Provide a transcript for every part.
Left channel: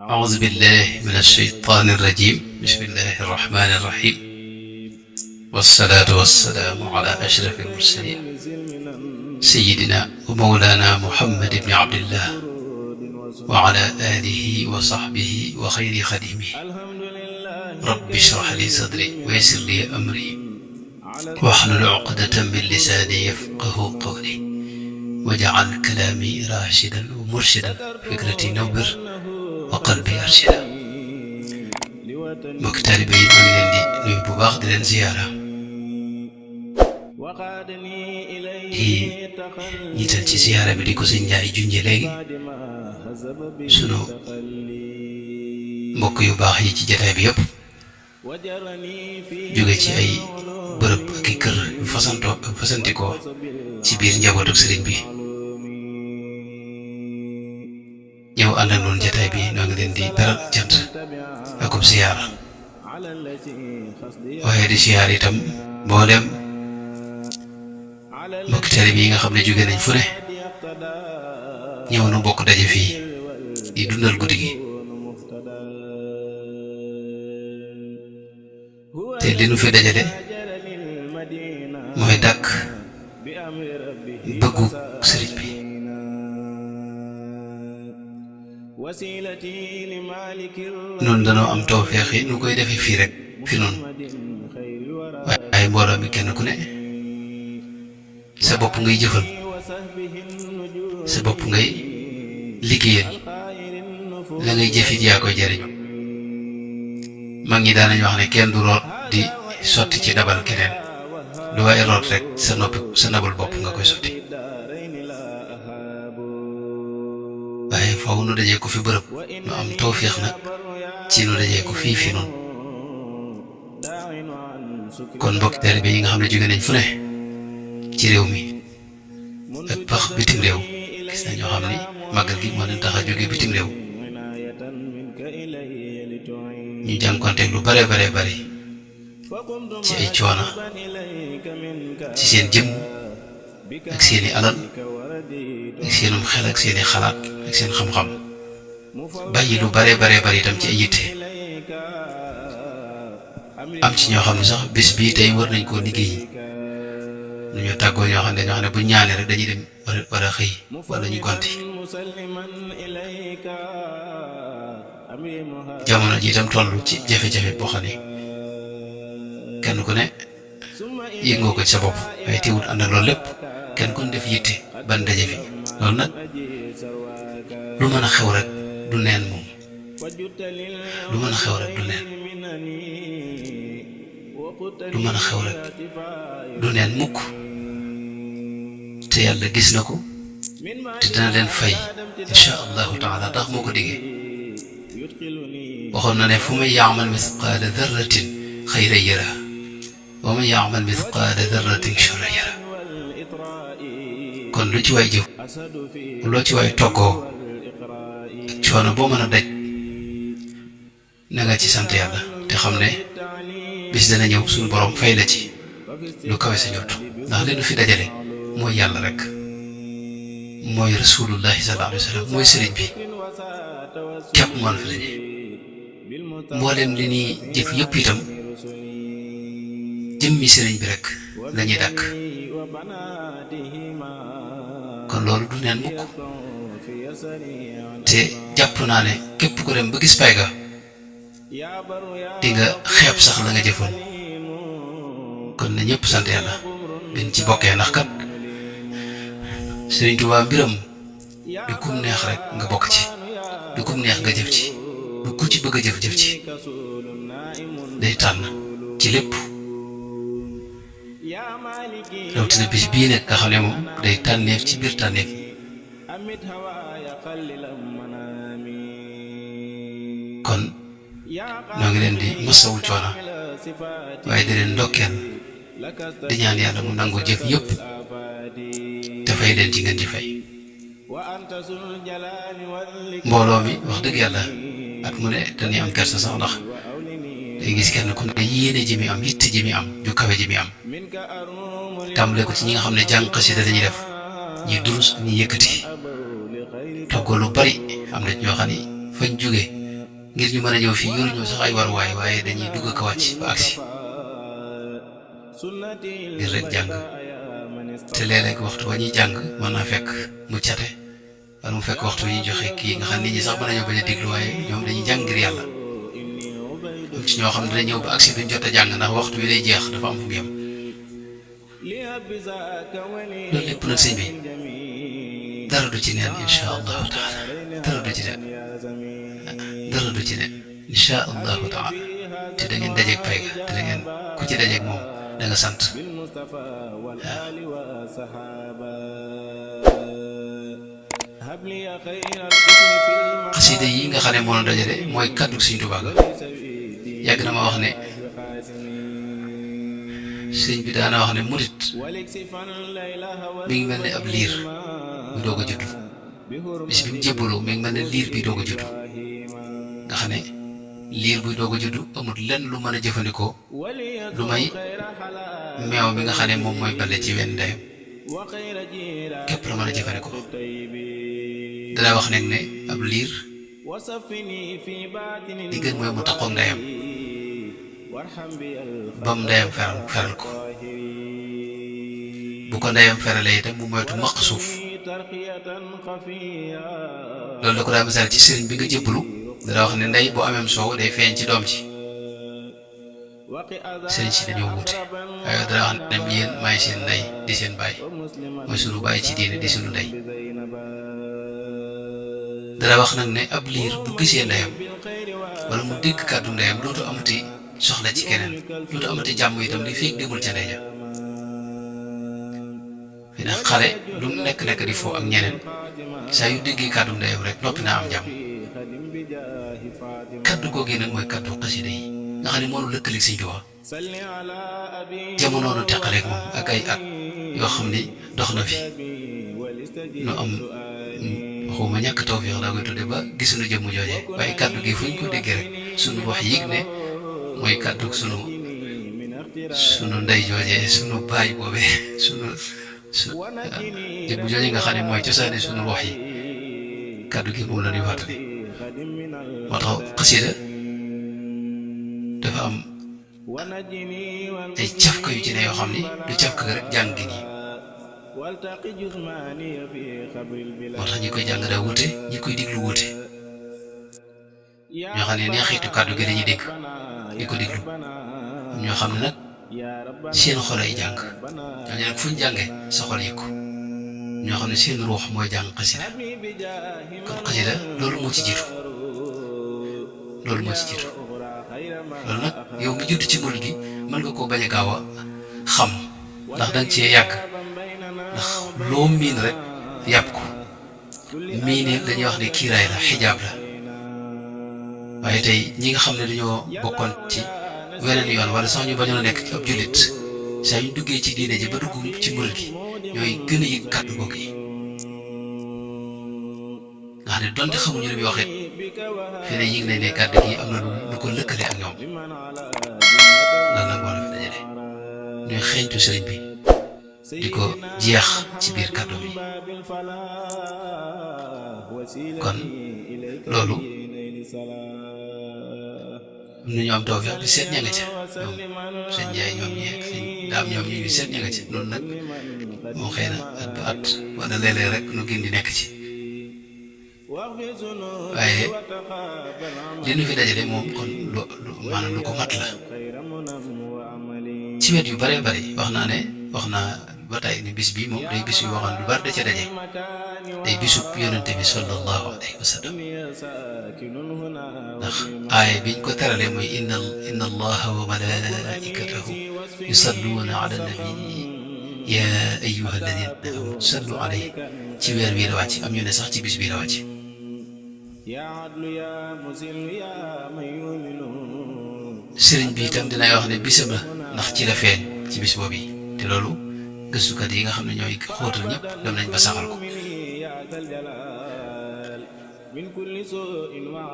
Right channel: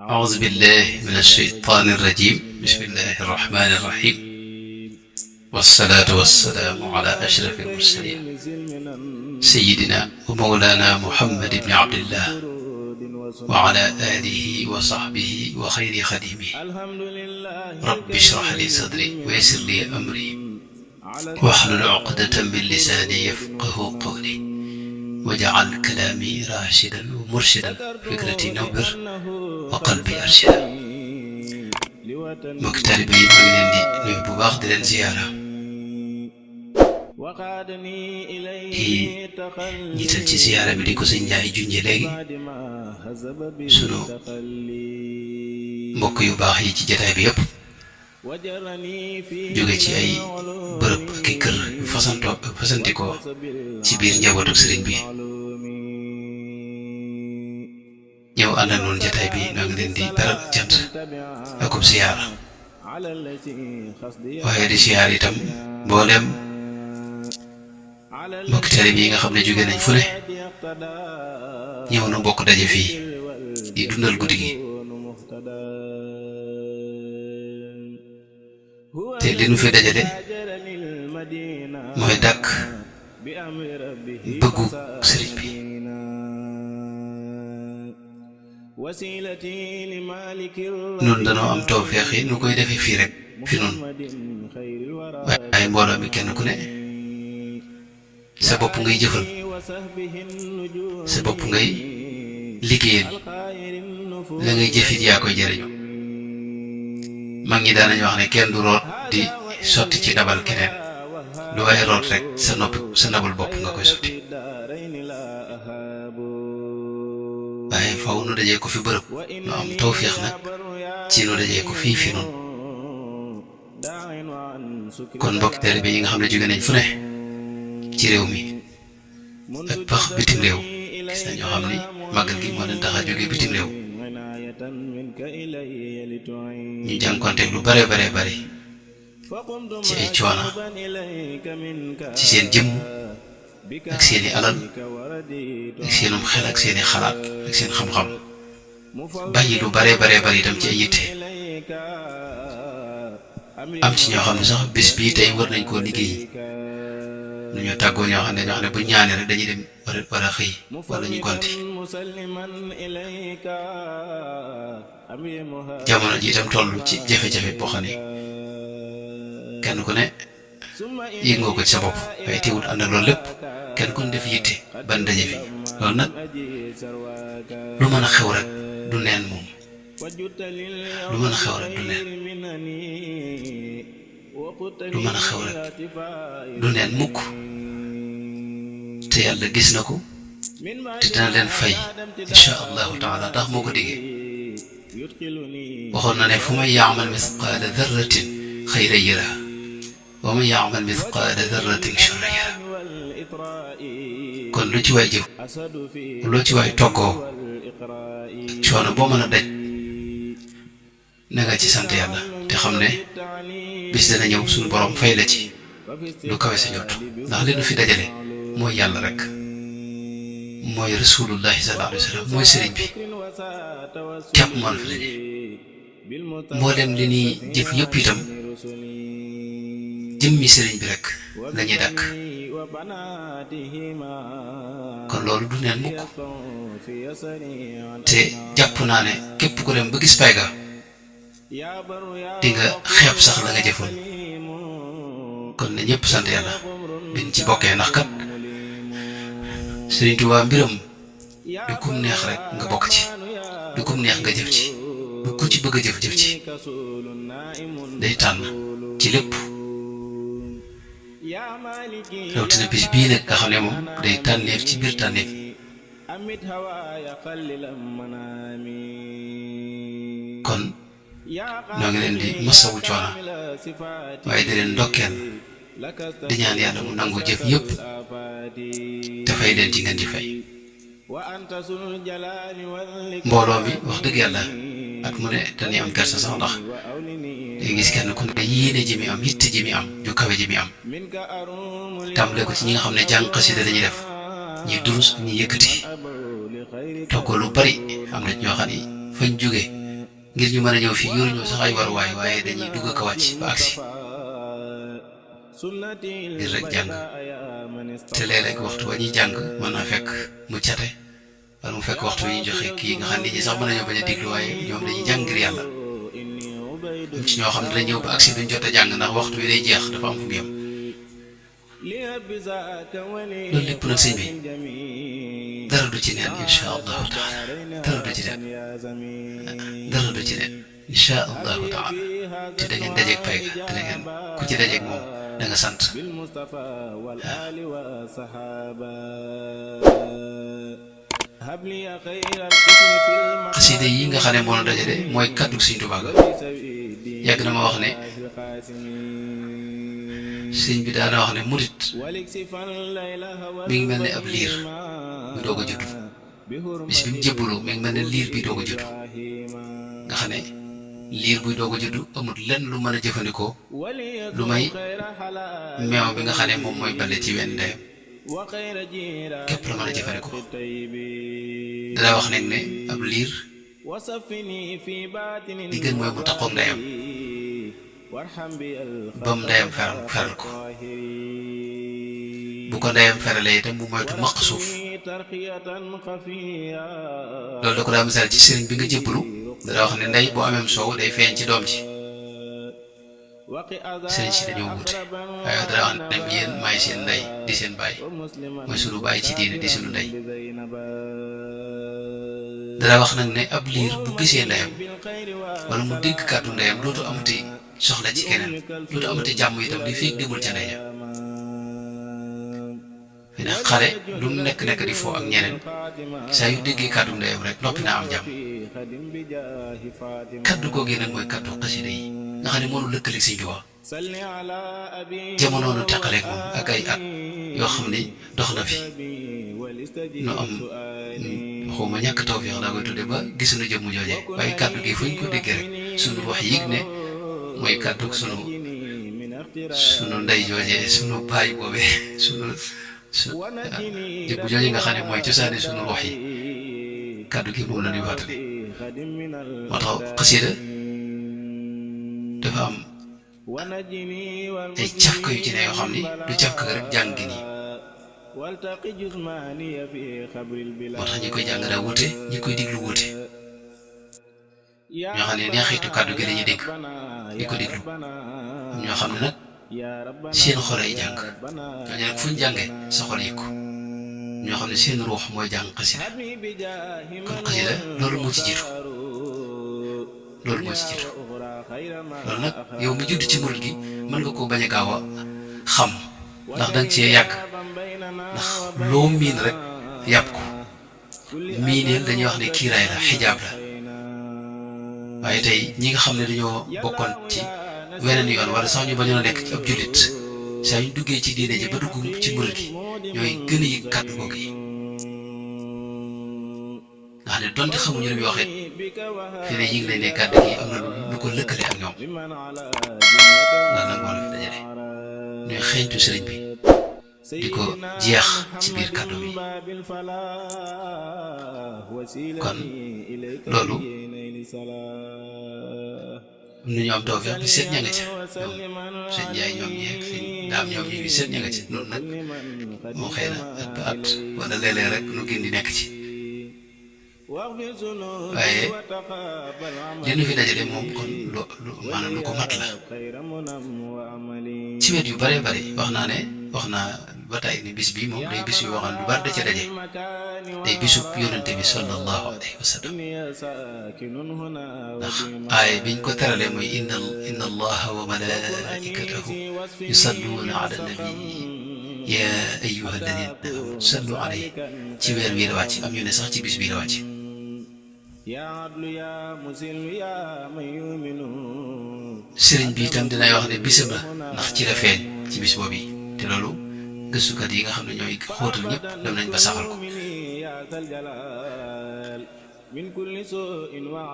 أعوذ بالله من الشيطان الرجيم بسم الله الرحمن الرحيم والصلاة والسلام على أشرف المرسلين سيدنا ومولانا محمد بن عبد الله وعلى آله وصحبه وخير خديمه رب اشرح لي صدري ويسر لي أمري واحلل عقدة من لساني يفقه قولي وجعل كلامي راشدا ومرشدا فكرتي نور وقلبي أرشدا mbokk taalibe yi maa ngi leen di nuyu bu baax di leen ziyaara di ñiital ci ziyaara bi di ko sëñ Njaay junje léegi sunu mbokk yu baax yi ci jataay bi yépp jóge ci ay bërëb ak i kër yu fasantikoo ci biir njabootu sëriñ bi ñëw ànd ak noonu jataay bi noo ngi leen di beral cant akub siyaar waaye di siyaar itam mboolem mbokki taalibe yi nga xam ne jóge nañ fu ne ñëw nu bokk daje fii di dundal guddi gi te li nu fi dajale mooy dàkk bëggu sëriñ bi nun danoo am tawfeex yi nu koy defee fii rek fi nun waaye mbooloo mi kenn ku ne sa bopp ngay jëfal sa bopp ngay liggéeyal la ngay jëfit yaa koy jariñu mag ñi daanañu wax ne kenn du root di sotti ci ndabal keneen lu waaye root rek sa ndabal bopp nga koy sotti waaye faw nu dajee ko fi bërëb nu am tawféex nag ci nu dajee ko fii fi nun kon mbokki taalibe yi nga xam ne jóge nañ fu ne ci réew mi ak pax bitim réew gis na ñoo xam ni màggal gi moo leen tax a jóge bitim réew ñu jànkonteeg lu bare bari ci ay coona ci seen jëmm ak seeni alal ak seenum xel ak seeni xalaat ak seen xam-xam bàyyi lu bare bari itam ci ay yitte am ci ñoo xam ne sax bés bii tey war nañ koo liggéey nu ñu tàggoo ñoo xam ne dañoo xam ne bu ñaanee rek dañuy dem war a xëy wala ñu gonti jamono ji itam toll ci jafe-jafe boo xam ne kenn ku ne yëg nga ko ci sa bopp waaye teewut ànd ak loolu lépp kenn ku ne def yitte ban daje fi loolu nag lu mën a xew rek du neen moom lu mën a xew rek du neen lu mën a xew rek du neen mukk te yàlla gis na ko te dina leen fay insha allahu taala ndax moo ko diggee waxoon na ne fu man yaamal misqaala darratin xayran yara wa man yaamal misqaala darratin sharran yara kon lu ci waay jëf loo ci waay toggoo coono boo mën a daj na nga ci sant yàlla te xam ne bis dana ñëw suñu borom fay la ci lu kawe sa njort ndax li nu fi dajale mooy yàlla rek mooy rasulullahi sallallahu alayhi wa sallam mooy sëriñ bi képp moo la fi daje mboolem li ñuy jëf yëpp itam jëmmi sëriñ bi rek lañuy dàkk kon loolu du neen mukk te jàpp naa ne képp ku dem ba gis pay ga di nga xeeb sax la nga jëfoon kon na ñëpp sant yàlla biñ ci bokkee ndax kat Sëriñ Tuubaa mbiram du kum neex rek nga bokk ci du kum neex nga jëf ci du ku ci bëgg a jëf ci day tànn ci lépp rawatina bis bii nag nga xam ne moom day tànneef ci biir tànneef kon ñoo ngi leen di masawu coono waaye di leen ndokkeel di ñaan yàlla mu nangu jëf yëpp te fay leen ci ngeen ci fay mbooloo mi wax dëgg yàlla at mu ne dañuy am kersa sax ndax day gis kenn ku ne yéene ji mi am yitte ji mi am ju kawe ji mi am tàmbale ko ci ñi nga xam ne jàng xasida dañuy def durus ñi yëkkati togg lu bari am na ñoo xam ne fañ jóge ngir ñu mën a ñëw fii yoruñu sax ay waruwaay waaye dañuy dugg ko wàcc ba agsi ngir rek jàng te léeg-léeg waxtu wa ñuy jàng mën naa fekk mu cate wala mu fekk waxtu yi joxe kii nga xam nit ñi sax mën nañoo bañ a diglu waaye ñoom dañuy jàng ngir yàlla am ci ñoo xam ne dina ñëw ba agsi duñ jot a jàng ndax waxtu wi day jeex dafa am fu mu yem loolu lépp nag sëñ bi dara du ci neen insha allahu taala dara du ci neen dara du ci neen insha allahu taala te da ngeen dajeeg pay ga te da ngeen ku ci dajeeg moom da nga sant xasida yi nga xam ne moo la dajale mooy kàddu Sëñ Tuubaa ga yàgg na ma wax ne sëñ bi daana wax ne murit mi ngi mel ne ab liir bu doog a juddu bis bi mu jébbaloo mi ngi mel ne liir bi doog a juddu nga xam ne liir buy doog a juddu amul lenn lu mën a jëfandikoo lu may meew mi nga xam ne moom mooy balle ci wenn ndeyam képp la mën a jëfandikoo dana wax nag ne ab liir li gën mooy mu taqoog ndeyam ba mu ndeyam feral ko bu ko ndeyam feralee itam mu moytu maq suuf loolu da ko daa misaal ci sëriñ bi nga jëbbalu dana wax ne ndey bu ameem soow day feeñ ci doom ji sëriñ si dañoo wute waaye dana wax ne yéen maay seen ndey di seen baay mooy sunu baay ci diine di sunu ndey dana wax nag ne ab liir bu gisee ndeyam wala mu dégg kàddu ndeyam dootu amati soxla ci keneen dootu amati jàmm itam di fekk demul ca ndey ja fi ne xale lu nekk di foo ak ñeneen saa yu déggee kàddu ndeyam rek noppi naa am jàmm kàddu googu nag mooy kàddu xasida yi nga xam ne moo nu lëkkaleeg Sëñ Tuubaa jamono nu teqaleeg moom ak ay at yoo xam ni dox na fi nu am waxuma ñàkk tawfeex laa koy tudde ba gisuñu jëmm jooje waaye kàddu gi fuñ ko déggee rek suñu wax yëg ne mooy kàddu sunu ndey jooje sunu baay boobee sunu jëmm jooje nga xam ne mooy cosaani sunu wax yi kàddu gi moom la ñuy fàttali moo tax xasida dafa am ay cafka yu ci ne yoo xam ni du cafka rek jàng gi nii moo tax ñi koy jàng daa wute ñi koy diglu wute ñoo xam ne neexitu kàddu gi lañuy dégg di ko diglu ñoo xam ne nag seen xol ay jàng ñooñu nag fu ñu jàngee sa xol yëg ko ñoo xam ne seen ruux mooy jàng xasida kon xasida loolu moo ci jiitu loolu nag yow mi judd ci murid gi mën nga koo bañ a gaaw a xam ndax danga cee yàgg ndax loo miin rek yàpp ko miineel dañuy wax ne kiiraay la xijaab la waaye tey ñi nga xam ne dañoo bokkoon ci weneen yoon wala sax ñu bañoon a nekk ci ab jullit saa yu duggee ci diine ji ba dugg ci murid gi ñooy gën a yëg kàddu googu yi nga xam ne donte xamuñu li muy waxee fii ne yëg nañ ne kàddu gi am na lu ko lëkkale ak ñoom lan nag moo la fi dajale ñooy xeeñtu sëriñ bi di ko jeex ci biir kàddu bi kon loolu am na ñu am toog bi seet ña nga ca ñoom seen njaay ñoom ñi ak seen daam ñoom ñi seet ña nga ca loolu nag moo xëy na at ba at wala léeg-léeg rek nu gën di nekk ci waaye li nu fi dajale moom kon maanaam lu ko mat la ci wet yu bare bari wax naa ba tey ni bis bi moom day bis yu waxoon lu bari da ca daje day bisub yonente bi sallallahu alayhi wa sallam ndax aaya biñ ko terale mooy inna allaha wa malaikatahu yusalluuna ala nabi ya ayyuha alladina amanu sallu alayhi ci weer bii la wàcc am ñu ne sax ci bis bii la wàcc sëriñ bi itam dinay wax ne bisam la ndax ci la feeñ ci bis boobu te loolu gëstukat yi nga xam ne ñooy xóotal ñëpp dem nañ ba saxal ko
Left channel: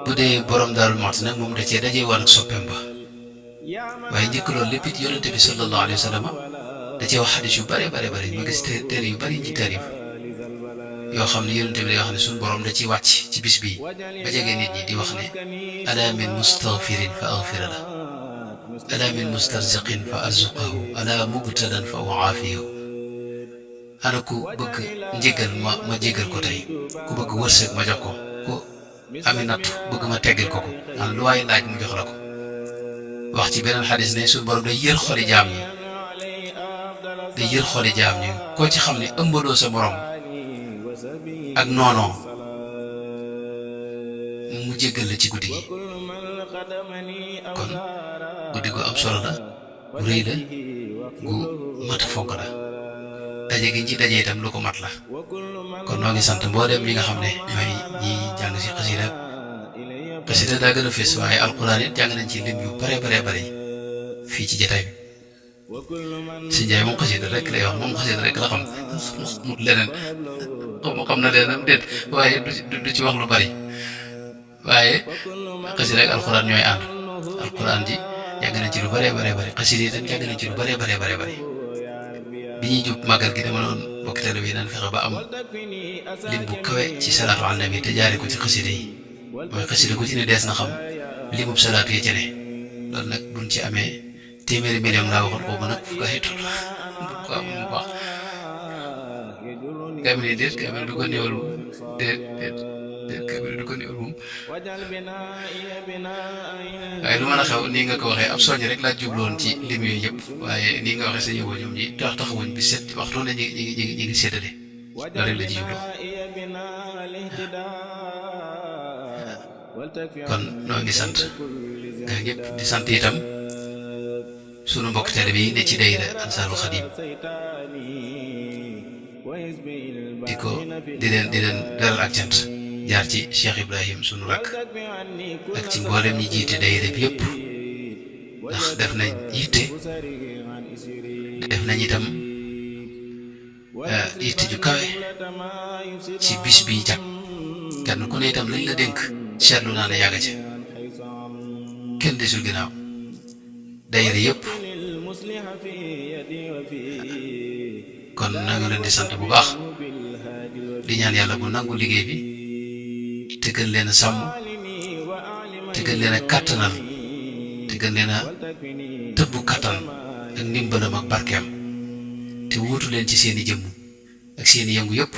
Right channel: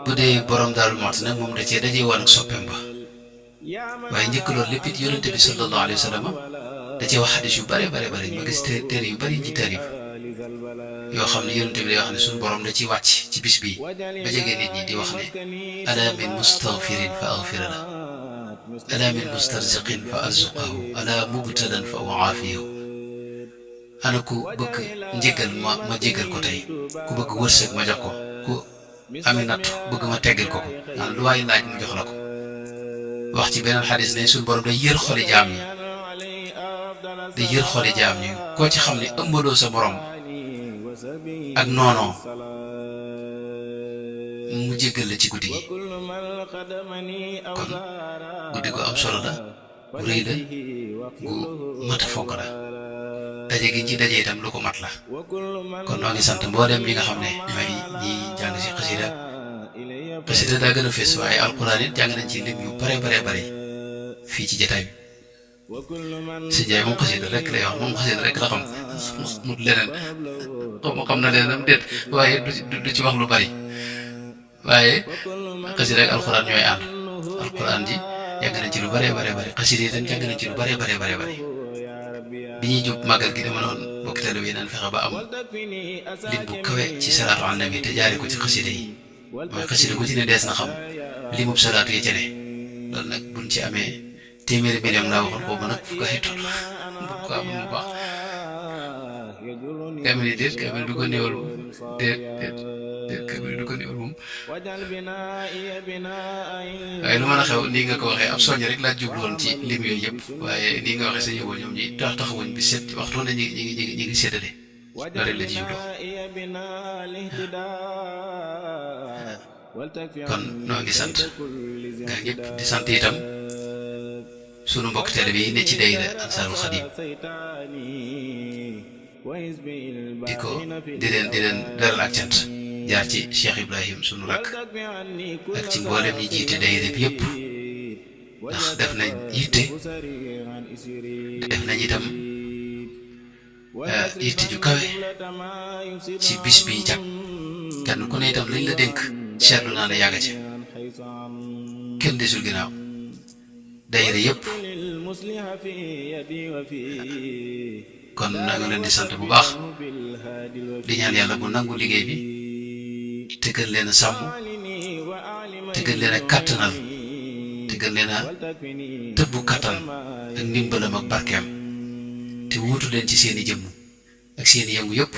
bu dee borom Daaru Muxti nag moom da cee dajee woon ak soppeem ba waaye njëkk loolu lépp it yonente bi sallallahu alayhi wa sallam da cee wax xadis yu bare ma gis téere yu bari ci taarif yoo xam ne yonent bi day wax ne suñu borom da ci wàcc ci bis bii ba jege nit ñi di wax ne ala min mustaghfirin fa aghfira la ala min mustarziqin fa arzuqahu ala mubtalan fa uaafiyahu ana ku bëgg njéggal ma jéggal ko tey ku bëgg wërsëg ma jox ko ku ami natt bëgg ma teggal ko lu waay laaj mu jox la ko wax ci beneen xadis ne suñu borom day yër xoli jaam ñi day yër xoli jaam ñi koo ci xam ne ëmbaloo sa morom ak noonoo mu jéggal la ci guddi gi kon guddi gu am solo la gu rëy la gu mat a fonk la daje gi ci daje itam lu ko mat la kon noo ngi sant mboolem ñi nga xam ne ñooy ñi jàng ci xasida daa gën a fees waaye alquran it jàng nañ ci lim yu bare fii ci jataay bi si Njaay moom xasida rek lay wax moom xasida rek la xam mut leneen xam na leneen déet waaye du ci wax lu bari waaye xasida rek alquran ñooy ànd alquran ji jàng nañ ci lu bare xasida itam jàng nañ ci lu bare bi ñuy jub màggal gi dama noonu bokk teel bi naan fexe ba am lim bu kawe ci salaatu ala nabi te jaare ko ci xasida yi mooy xasida ku ci ne dees na xam limub salaatu yi ci ne loolu nag buñ ci amee téeméeri million laa waxoon boobu nag fu ko ay toll bu ko am bu baax kaamil yi déet kaamil du ko néewal déet kaamil du ko néewal moom waaye lu mën a xew nii nga ko waxee ab soññ rek laa jubloon ci lim yooyu yëpp waaye nii nga waxee sa ñëwoo ñoom ñi taxawuñ bi set waxtu ne ñi ngi séddale loolu rek la ci jubloo kon noo ngi sant nga ñëpp di sant itam sunu mbokk tele bi ne ci dayra Ansaarul Xadim di leen beral ak cant jaar ci Cheikh Ibrahim sunu rakk ak ci mboolem ñi jiite dayra bi yëpp ndax def nañ yitte def nañ itam yitte ju kawe ci bis bi jàpp kenn ku ne itam lañ la dénk seetlu naa ne yàgg ci kenn desul ginnaaw dayra yëpp kon na nga leen di sant bu baax di ñaan yàlla bu nangu liggéey bi te gën leen a sàmm te gën leen a kàttanal te gën leen a tëbbu kàttan ak ndimbalam ak barkeem te wuutu leen ci seeni jëmm ak seeni yëngu yëpp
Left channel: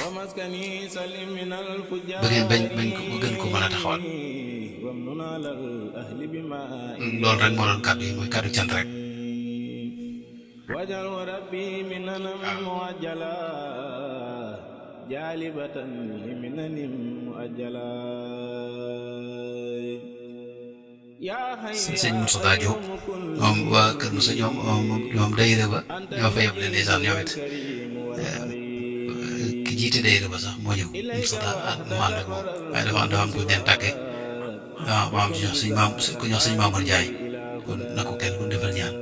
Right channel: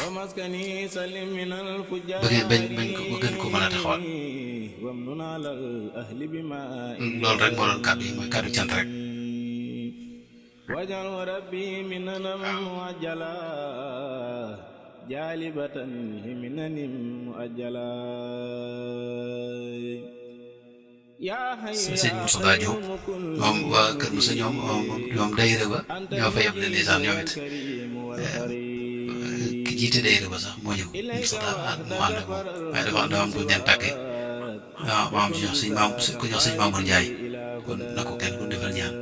ba ngeen bañ ko gën ko mën a taxawal loolu rek moo doon kàddu yi mooy kàddu cant rek sëñ Moussa Diop moom waa Kër Moussa ñoom dayre ba ñoo fa yeb leen ndeysaan ñoom it ki jiite dayre ba sax moo ñëw Moussa mu ànd ak moom waaye dafa am ku ñu leen tàggee waaw maam ci jox ku ñox sëñ Mamour Ndiaye kon na ko kenn ku defal ñaan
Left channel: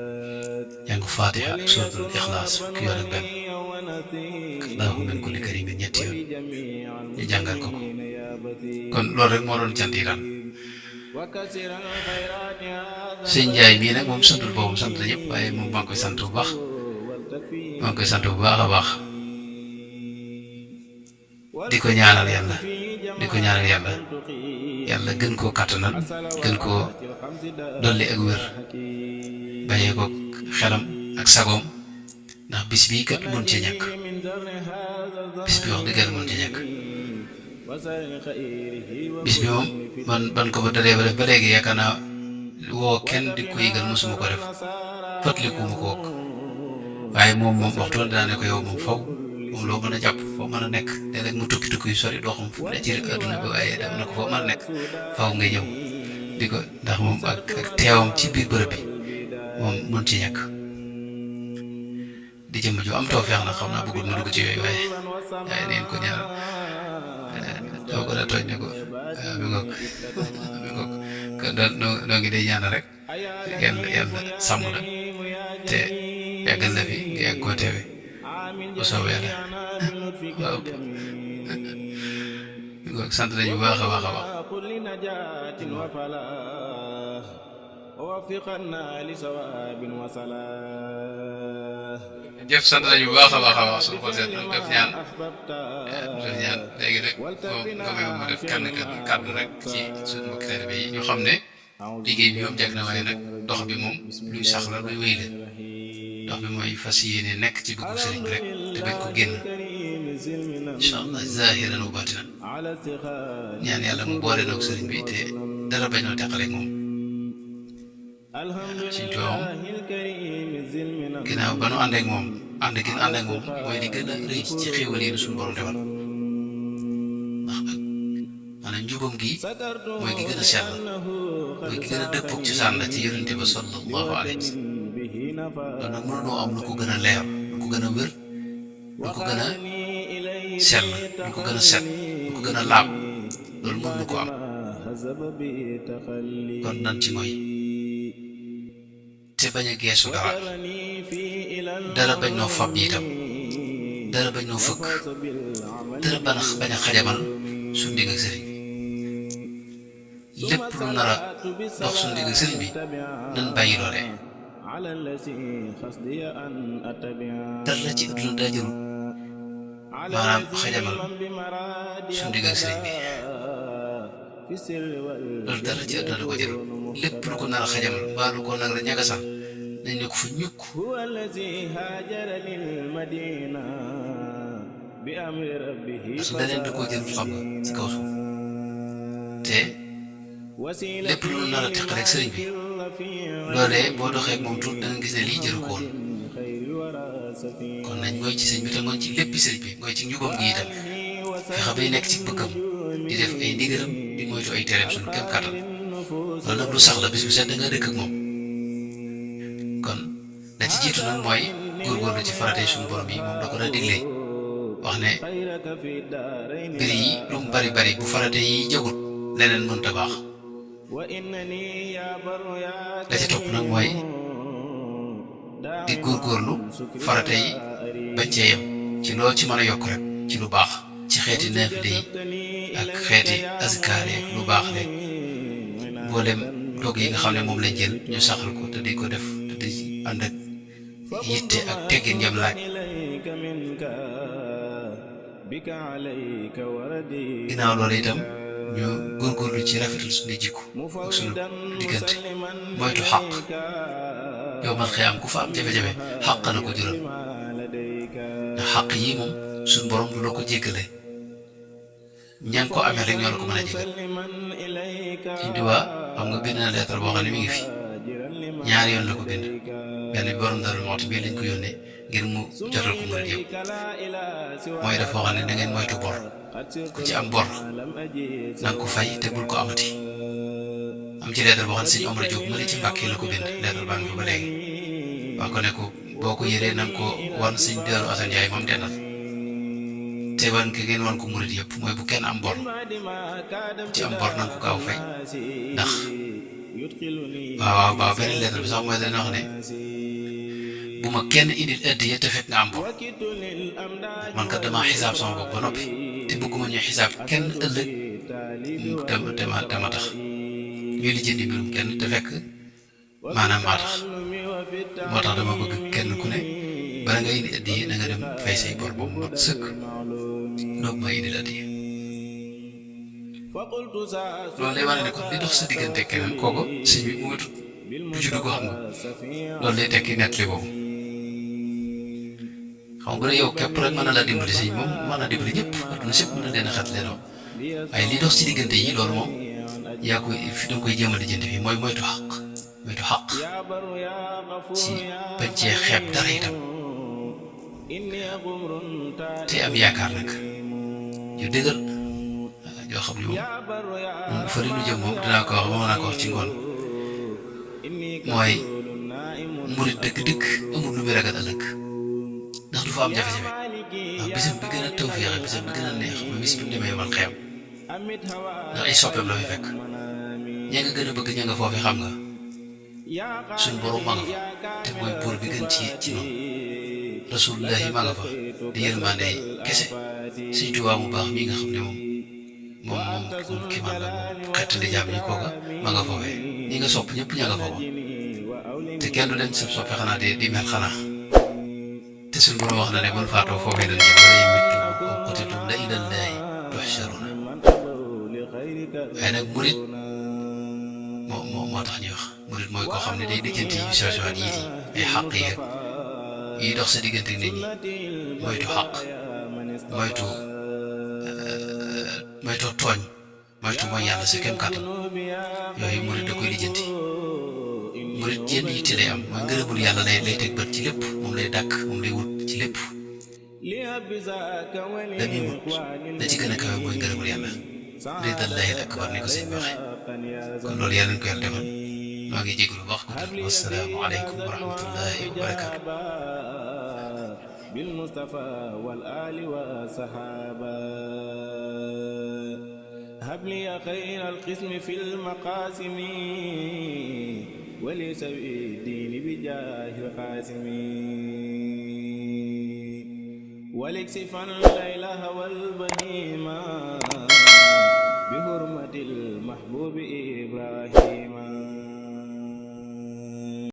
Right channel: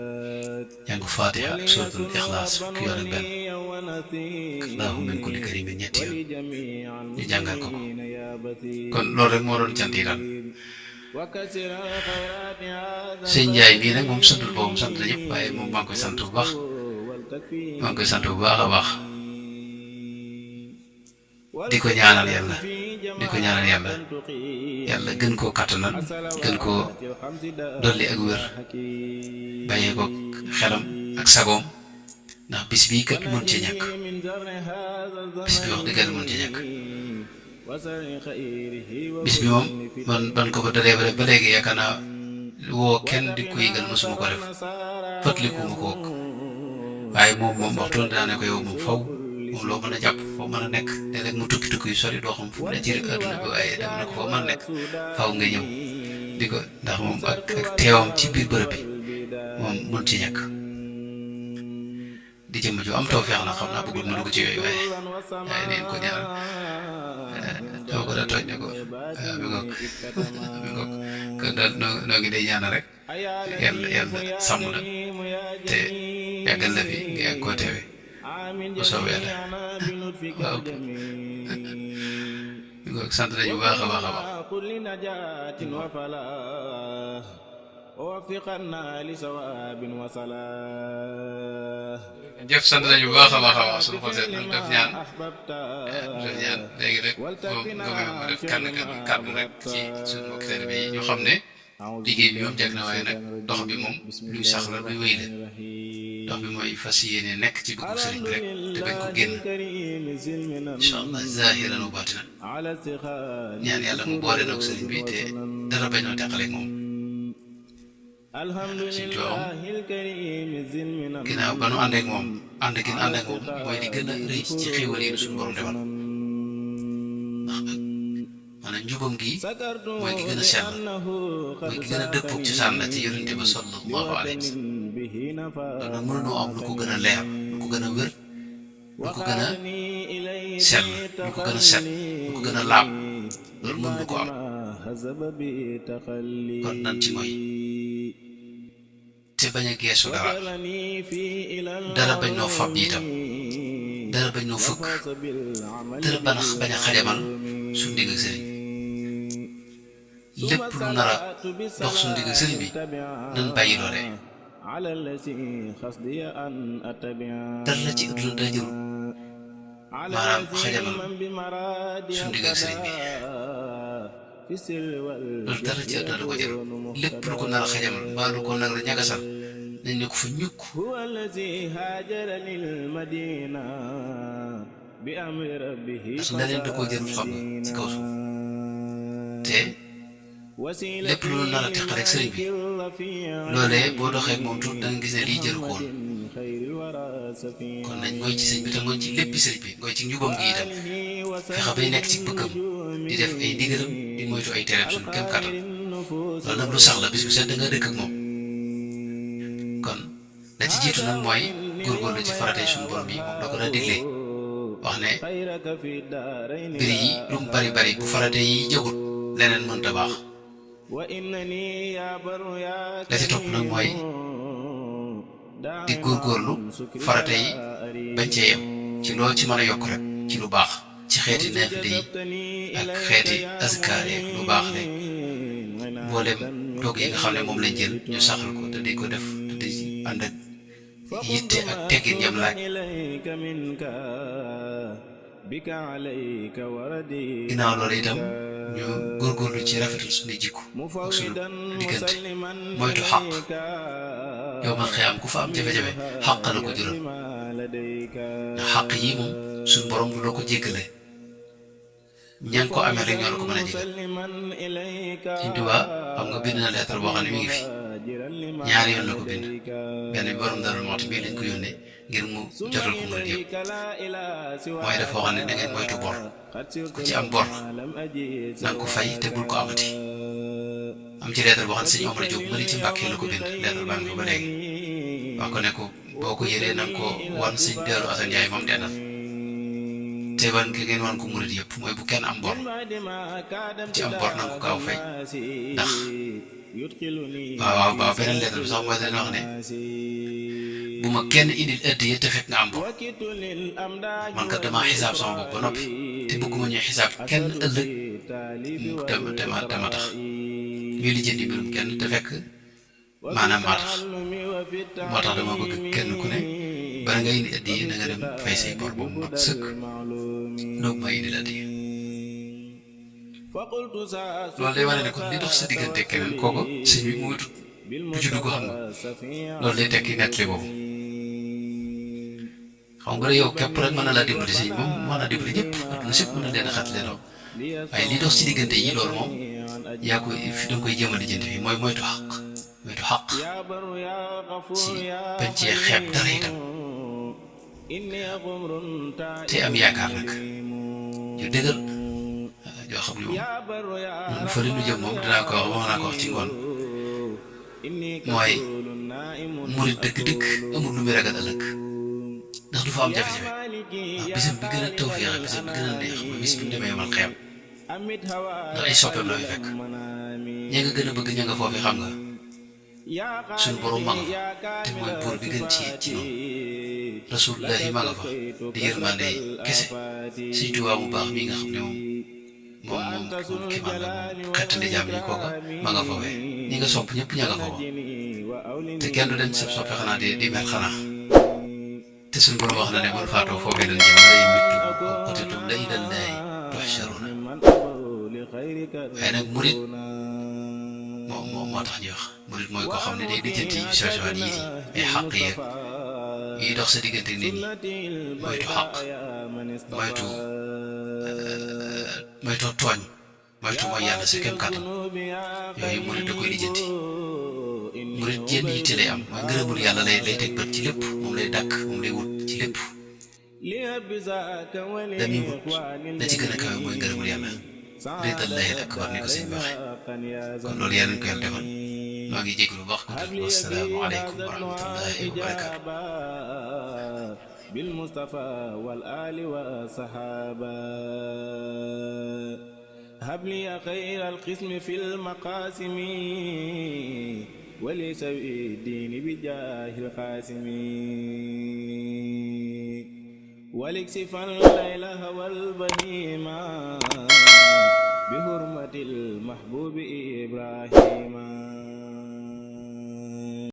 jàng Fatiha ak suratul Ixlaas fukki yoon ak benn Allahu min kulli karimin ñetti yoon ñu jàngal ko kon loolu rek moo doon cant yi daal sëñ Ndiaye mii nag moom santul boppam sant na ñëpp waaye moom maa ngi koy sant bu baax a baax di ko ñaanal yàlla gën koo kattanal gën koo dolli ak wér bàyyee ko xelam ak sagoom ndax bis bii kat mën ci ñàkk bis bi wax dëgg yàlla mën ci ñàkk bis bi moom man ban ko ba dalee ba def ba léegi yaakaar naa woo kenn di ko yëgal mosuma ko def fàttalikuma ko wokk waaye moom waxtu dinaa ne ko yow moom faw moom loo mën a jàpp foo mën a nekk léeg-léeg mu tukki yu sori doo xam fu mu ne ci adduna bi waaye dem na ko foo mën a nekk faw nga ñëw di ko ndax moom ak teewam ci biir bërëb bi moom mën ci ñàkk di jëmm ju am tawfeex na xam naa bëggul mu dugg ci yooyu waaye neen ko ñaanal dama ko daa tooñ ne ko bi ngoog kon daal noo ngi day ñaanal rek yàlla sàmm la te yàggal la fi nga yàgg koo teewe bu soobee yàlla waaw bi ngoog sant nañu bu baax a baax jëf sant nañu bu baax a baax a baax suñu xol seet nañ def ñaan léegi rek moom nga may ma def kàddu rek ci suñu mbokki taalibe yi ñu xam ne liggéey bi moom jag na waaye nag dox bi moom luy sax la luy wéy la dox bi mooy fas yéene nekk ci bëggu sëriñ bi rek te bañ ko génn incha allah zahiran wa batinan ñaan yàlla mu boole nag sëriñ bi te dara bañoo teqaleeg moom suñ tuwaam ginnaaw ba nu ànd ak moom ànd gi ànd ak moom mooy li gën a rëy ci xéewal yi suñu borom defal ndax ak maanaam njubam gi mooy gi gën a sell mooy gi gën a dëppoog ci sànn ci yonente ba sallallahu alayhi wa sallam loolu nag mënunoo am lu ko gën a leer lu ko gën a wér lu ko gën a sell lu ko gën a set lu ko gën a laab loolu mën lu ko am kon nan ci mooy te bañ a geesu dara bañ noo fab itam dara bañ noo fëkk dara bañ a xajamal suñu digg ak sëriñ lépp lu nar a dox suñu digg ak sëriñ bi nan bàyyi loolee dara ci ëdduna daa jërul maanaam xajamal suñu digg ak sëriñ bi loolu dara ci ëdduna da ko jërul lépp lu ko nar a xajamal mbaa lu ko nag la ñagasal nañ ne ko fa ñukk ndax leneen da koo jërul xam nga ci kaw suuf te lépp lu nar a teqal ak sëriñ bi loolee boo doxee ak moom tuut da nga gis ne lii jëru ko woon kon nañ mooy ci sëñ bi te mooy ci léppi sëriñ bi mooy ci njubam gi itam fexe bay nekk ci bëggam di def ay ndigalam di moytu ay tereem suñu kem kàttan loolu nag lu sax la bis bu set da nga dëkk ak moom kon la ci jiitu nag mooy góorgóorlu ci faratee suñu borom yi moom da ko daa digle wax ne mbir yi lu mu bari bari bu faratee yi jagul leneen mënta baax la ci topp nag mooy di góorgóorlu farate yi bañ cee yem ci loo ci mën a yokk rek ci lu baax ci xeeti naafile yi ak xeeti azkaar yi lu baax le mboolem doog yi nga xam ne moom lañ jël ñu saxal ko te di ko def te di ànd ak yitte ak teggin ñam laaj ginnaaw loolu itam ñu góorgóorlu ci rafetal suñu jikko ak suñu diggante moytu xàq yow man xëy am ku fa am jafe-jafe xàq la ko jural ndax xàq yi moom suñu borom du la ko jéggale ña ngi ko amee rek ñoo la ko mën a jégal Sëñ Tuubaa xam nga bind na lettre boo xam ne mi ngi fi ñaari yoon la ko bind benn bi borom Daaru Muxti bii lañ ko yónnee ngir mu jotal ko murid yëpp mooy dafa waxoon ne da ngeen moytu bor ku ci am bor na nga ko fay te bul ko amati am ci lettre boo xam ne Sëñ Omar Diop mëri ci Mbàkke la ko bind lettre baa ngi fa ba léegi wax ko ne ko boo ko yëree na nga ko wan Sëñ Daaru Asan Njaay moom dendal te wan ki ngeen wan ko murid yëpp mooy bu kenn am bor ci am bor na nga ko gaaw fay ndax waaw beneen lettre bi sax mooy dana wax ne bu ma kenn indil addiya te fekk nga am bor man kat damaa xisaab sama bopp ba noppi te bëgguma ñuy xisaab kenn ëllëg te ma tax ñuy lijjanti mbirum kenn te fekk maanaam maa tax moo tax dama bëgg kenn ku ne bala nga indi addiya na nga dem fay say bor boobu mat sëkk noog ma indil addiya loolu day wane ne kon li dox sa diggante keneen kooku sëñ bi mu ngi tut du ci dugg xam nga loolu day tekki nettali boobu xam nga bu dee yow képp rek mën na laa dimbali sëñ moom mën na dimbali ñëpp adduna sépp mën na leen a xat leen waaye li dox ci diggante yi loolu moom yaa koy fi da nga koy jéem a lijjanti fii mooy moytu xaq ci bañ cee xeeb dara itam te am yaakaar nag yu dëggal yoo xam ne moom fa li nu jëm moom dinaa ko wax ci ngoon mooy murit dëgg-dëgg amul lu muy ragal ëllëg ndax du fa am jafe-jafe waaw bisam bi gën a tawféexe bisam bi gën a neex mooy bis bu demee yomal xeem ndax ay soppeem la fi fekk ña nga gën a bëgg ña nga foofu xam nga suñ borom ma nga fa te mooy buur bi gën ci noonu rasulullahi ma nga fa di yërmande kese Sëñ Tuubaa bu baax mi nga xam ne moom ki man la moom xettali jaam ñi kooka ma nga foofee ñi nga sopp ñëpp ña nga fa te kenn du dem sab soppe xanaa di mel xanaa te suñ borom wax na ne buñ faatoo foofee lañ jëm wala yumittum aw qutiltum la ilallaahi tuhsharuna waaye nag murit moo tax ñuy wax murit mooy koo xam ne day lijjanti yu sew sewaat yii di ay xàq yeeg yi dox sa diggante ak nit ñi moytu xàq moytu tooñ moytu mooy yàlla sa kem kàttan yooyu murit da koy lijjanti murit jenn yitte lay am mooy ngërëmul yàlla lay teg bët ci lépp moom lay dàkk moom lay wut ci lépp dañuy wut la ci gën a kawe mooy ngërëmul yàlla ridallahi akbar ni ko sëñ bi waxee kon loolu yàlla nañ ko yàlla defal maa ngi jégalu wax ko wassalaamu aleykum wa rahmatullahi wa barakaatu bil mustafa wal ali wa sahaba habli khayral qismi fil maqasimi wali sawi dini bi jahil qasimi waliksifan laylaha wal bahima بحرمة المحبوب إبراهيم